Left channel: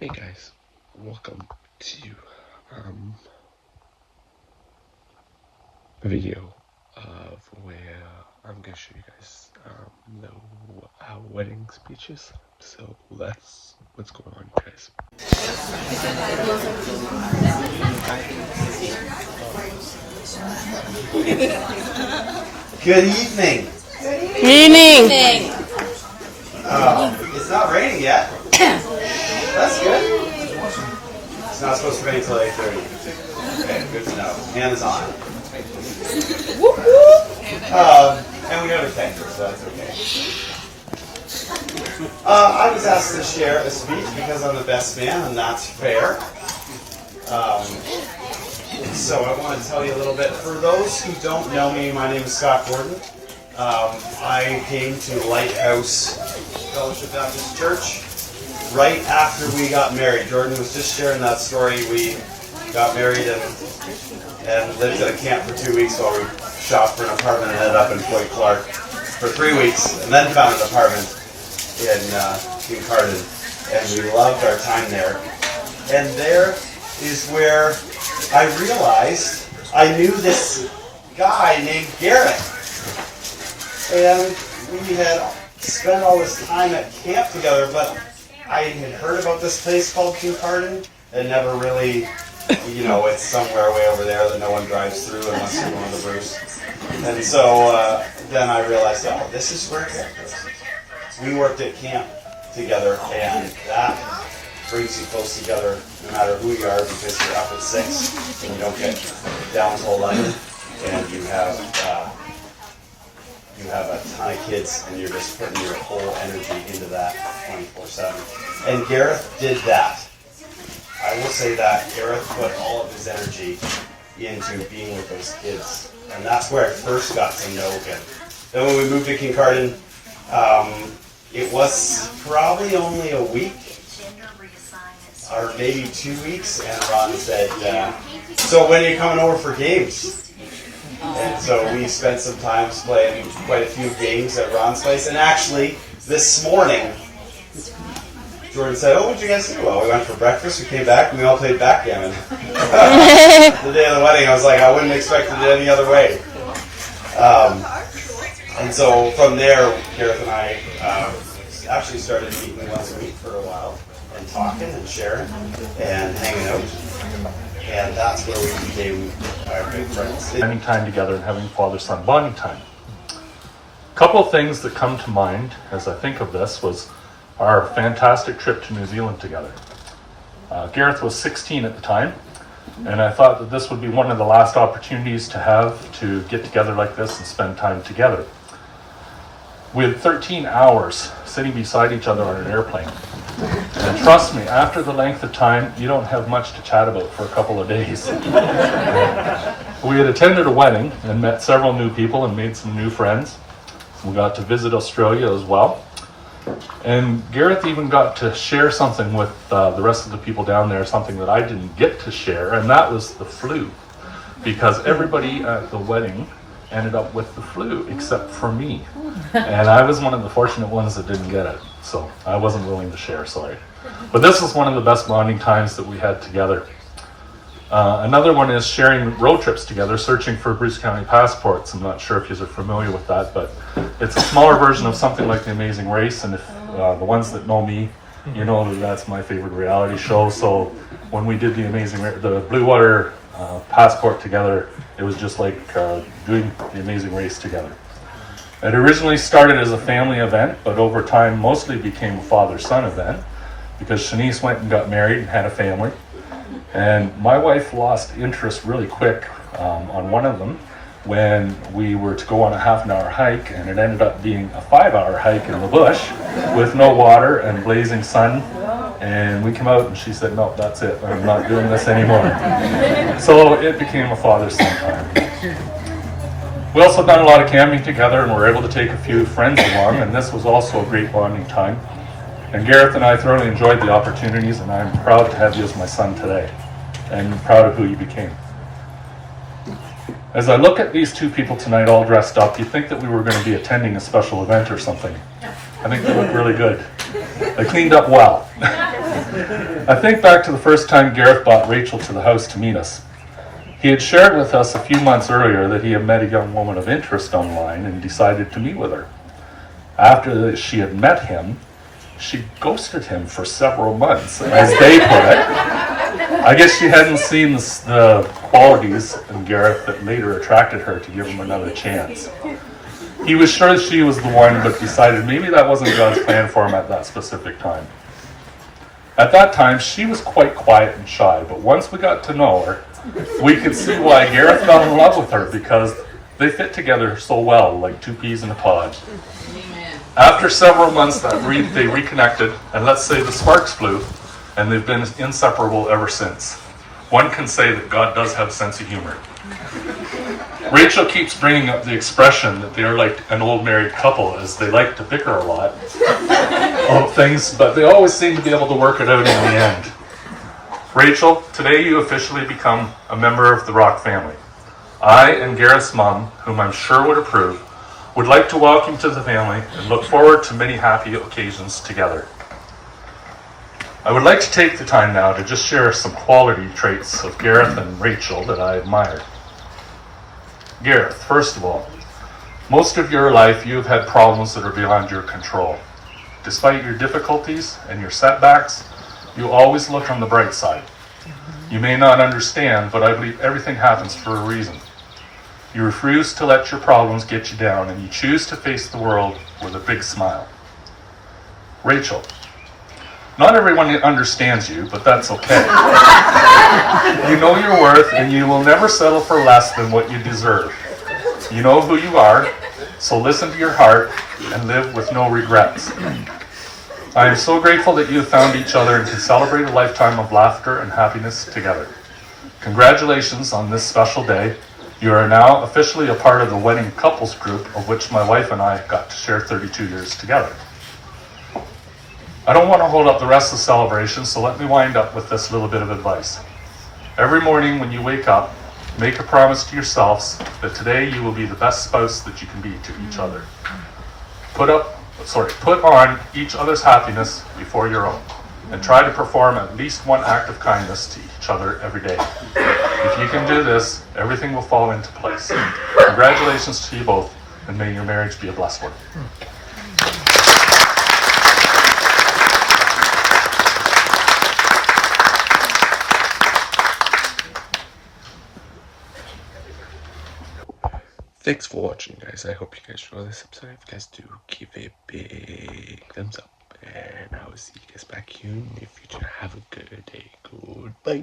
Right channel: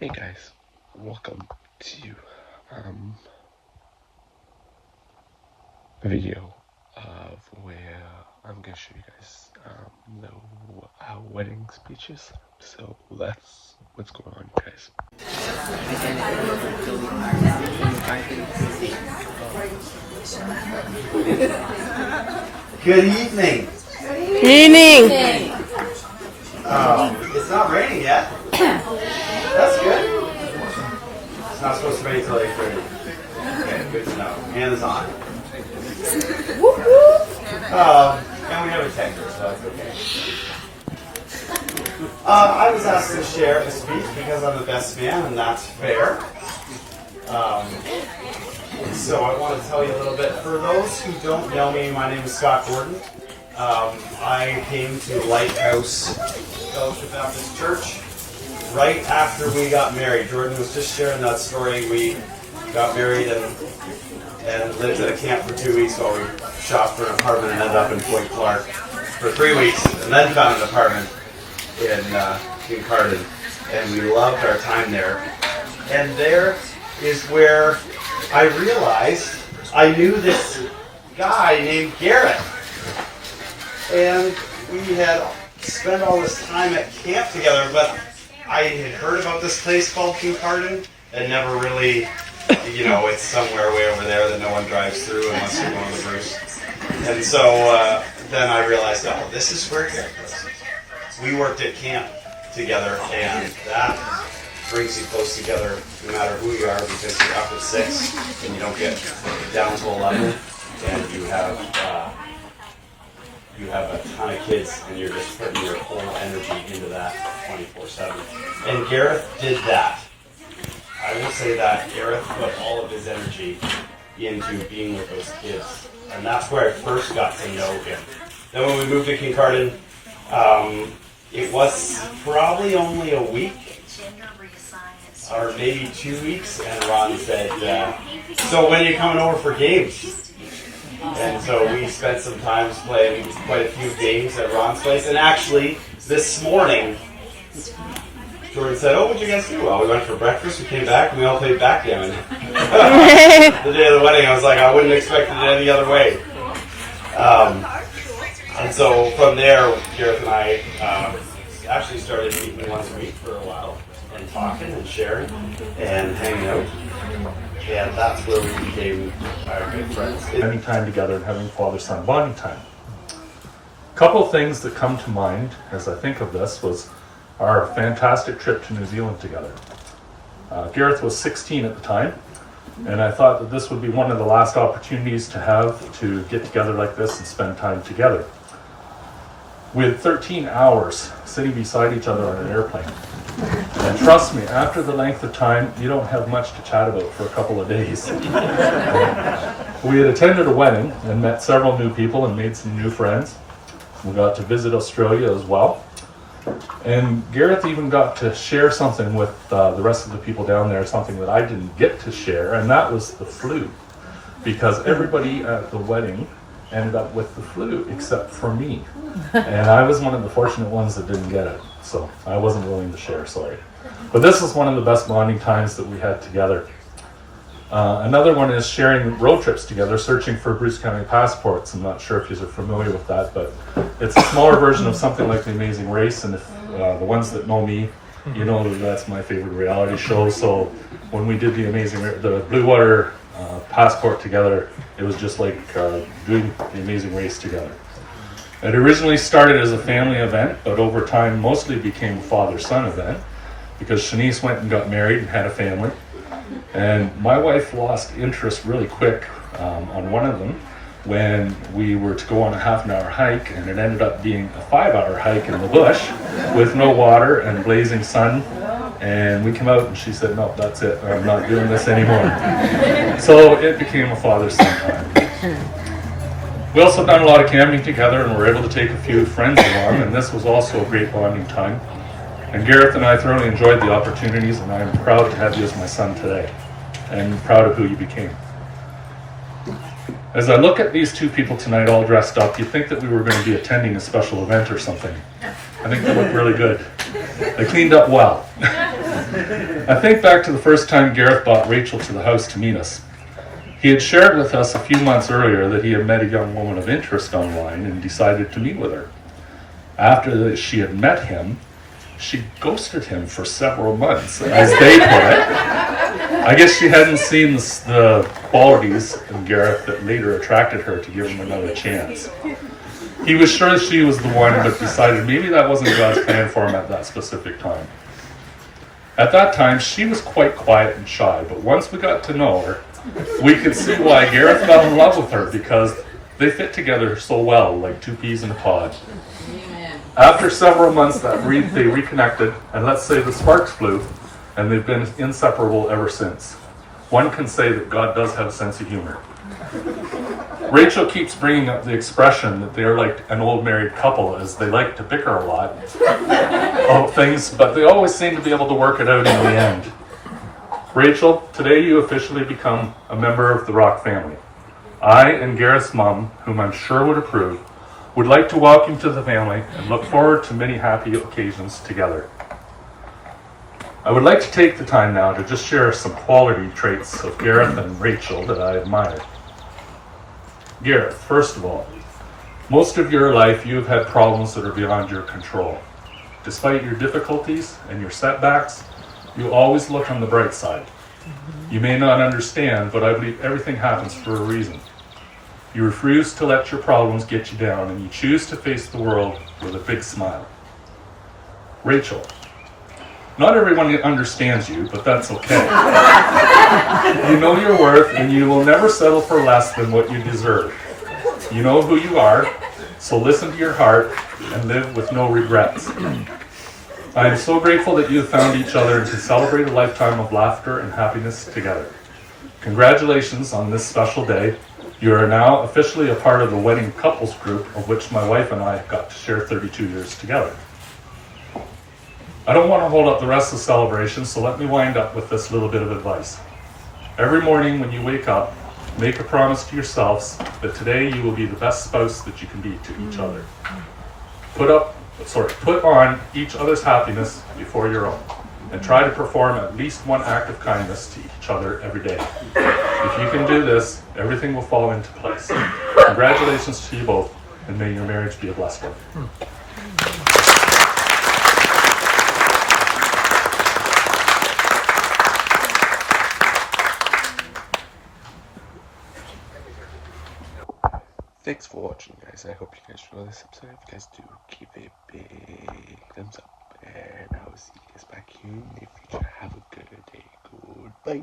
Hey guys, welcome to a video of where I'm gonna show you guys the wedding speeches. So that's what's going on, you guys. Good evening. Evening. It's not raining yet. That's good. It's not supposed to rain until 8:30. Okay, good to know. Hands on. And we have a tanker, so that's okay. I was asked to share a speech because I'm the best man, and that's fair. So I want to tell you a little bit. For those who don't know me, my name is Scott Gordon. I came to Lighthouse Fellowship Baptist Church right after we got married. Jordan was just sharing that story. We got married and lived at a camp for 2 weeks while we shopped for an apartment and ended up in Floyd Clark for 3 weeks, and then found an apartment in Carden. And we loved our time there. And there is where I realized I knew this guy named Garrett. And we had spent all this time at camp together, but I had heard about this place called Kincardine and never really, it's somewhere way over there that no one drives through unless you're going to Bruce. And so then I realized, this is where Garrett was. We worked at camp together, and that brings you close together no matter who you are, because you're up at 6 and you don't get down to 11, and you have a ton of kids, and you're just putting your whole energy into that 24/7. And Gareth did that. I will say that Gareth put all of his energy into being with those kids, and that's where I first got to know him. Then when we moved to Kincardine, it was probably only a week, or maybe 2 weeks, and Ron said, so when are you coming over for games? And so we spent some time playing quite a few games at Ron's place. And actually, this morning, Jordan said, what did you guys do? Well, we went for breakfast, we came back, and we all played backgammon. The day of the wedding, I was like, I wouldn't expect it any other way. And so from there, Gareth and I actually started meeting once a week for a while, and talking and sharing and hanging out. And that's where we became our good friends. Spending time together and having father-son bonding time. A couple of things that come to mind as I think of this was our fantastic trip to New Zealand together. Gareth was 16 at the time, and I thought that this would be one of the last opportunities to have to get together like this and spend time together. We had 13 hours sitting beside each other on an airplane. And trust me, after the length of time, you don't have much to chat about for a couple of days. We had attended a wedding and met several new people and made some new friends. We got to visit Australia as well. And Gareth even got to share something with the rest of the people down there, something that I didn't get to share, and that was the flu. Because everybody at the wedding ended up with the flu except for me. And I was one of the fortunate ones that didn't get it. So I wasn't willing to share, sorry. But this was one of the best bonding times that we had together. Another one is sharing road trips together, searching for Bruce County passports. I'm not sure if you're familiar with that, but it's a smaller version of something like The Amazing Race. And if the ones that know me, you know that that's my favorite reality show. So when we did the Blue Water passport together, it was just like doing The Amazing Race together. It originally started as a family event, but over time mostly became a father-son event because Shanice went and got married and had a family. And my wife lost interest really quick on one of them when we were to go on a half-an-hour hike, and it ended up being a 5-hour hike in the bush with no water and blazing sun. And we came out and she said, no, that's it, I'm not doing this anymore. So it became a father-son time. We also done a lot of camping together and were able to take a few friends along, and this was also a great bonding time. And Gareth and I thoroughly enjoyed the opportunities, and I'm proud to have you as my son today, and proud of who you became. As I look at these two people tonight all dressed up, you'd think that we were going to be attending a special event or something. I think they look really good. They cleaned up well. I think back to the first time Gareth brought Rachel to the house to meet us. He had shared with us a few months earlier that he had met a young woman of interest online and decided to meet with her. After she had met him, she ghosted him for several months, as they put it. I guess she hadn't seen the qualities in Gareth that later attracted her to give him another chance. He was sure she was the one, but decided maybe that wasn't God's plan for him at that specific time. At that time, she was quite quiet and shy, but once we got to know her, we could see why Gareth fell in love with her, because they fit together so well, like two peas in a pod. After several months they reconnected, and let's say the sparks flew, and they've been inseparable ever since. One can say that God does have a sense of humor. Rachel keeps bringing up the expression that they are like an old married couple, as they like to bicker a lot of things, but they always seem to be able to work it out in the end. Rachel, today you officially become a member of the Rock family. I and Gareth's mom, whom I'm sure would approve, would like to welcome you to the family and look forward to many happy occasions together. I would like to take the time now to just share some quality traits of Gareth and Rachel that I admire. Gareth, first of all, most of your life you have had problems that are beyond your control. Despite your difficulties and your setbacks, you always look on the bright side. You may not understand, but I believe everything happens for a reason. You refuse to let your problems get you down, and you choose to face the world with a big smile. Rachel, not everyone understands you, but that's okay. You know your worth, and you will never settle for less than what you deserve. You know who you are, so listen to your heart and live with no regrets. I am so grateful that you have found each other and can celebrate a lifetime of laughter and happiness together. Congratulations on this special day. You are now officially a part of the wedding couples group, of which my wife and I got to share 32 years together. I don't want to hold up the rest of the celebration, so let me wind up with this little bit of advice. Every morning when you wake up, make a promise to yourselves that today you will be the best spouse that you can be to each other. Put on each other's happiness before your own, and try to perform at least one act of kindness to each other every day. If you can do this, everything will fall into place. Congratulations to you both, and may your marriage be a blessed one. Thanks for watching, guys. I hope you guys enjoyed this episode. If you guys do, give it a big thumbs up. And I will see you guys back here in the future. Have a good day. Goodbye.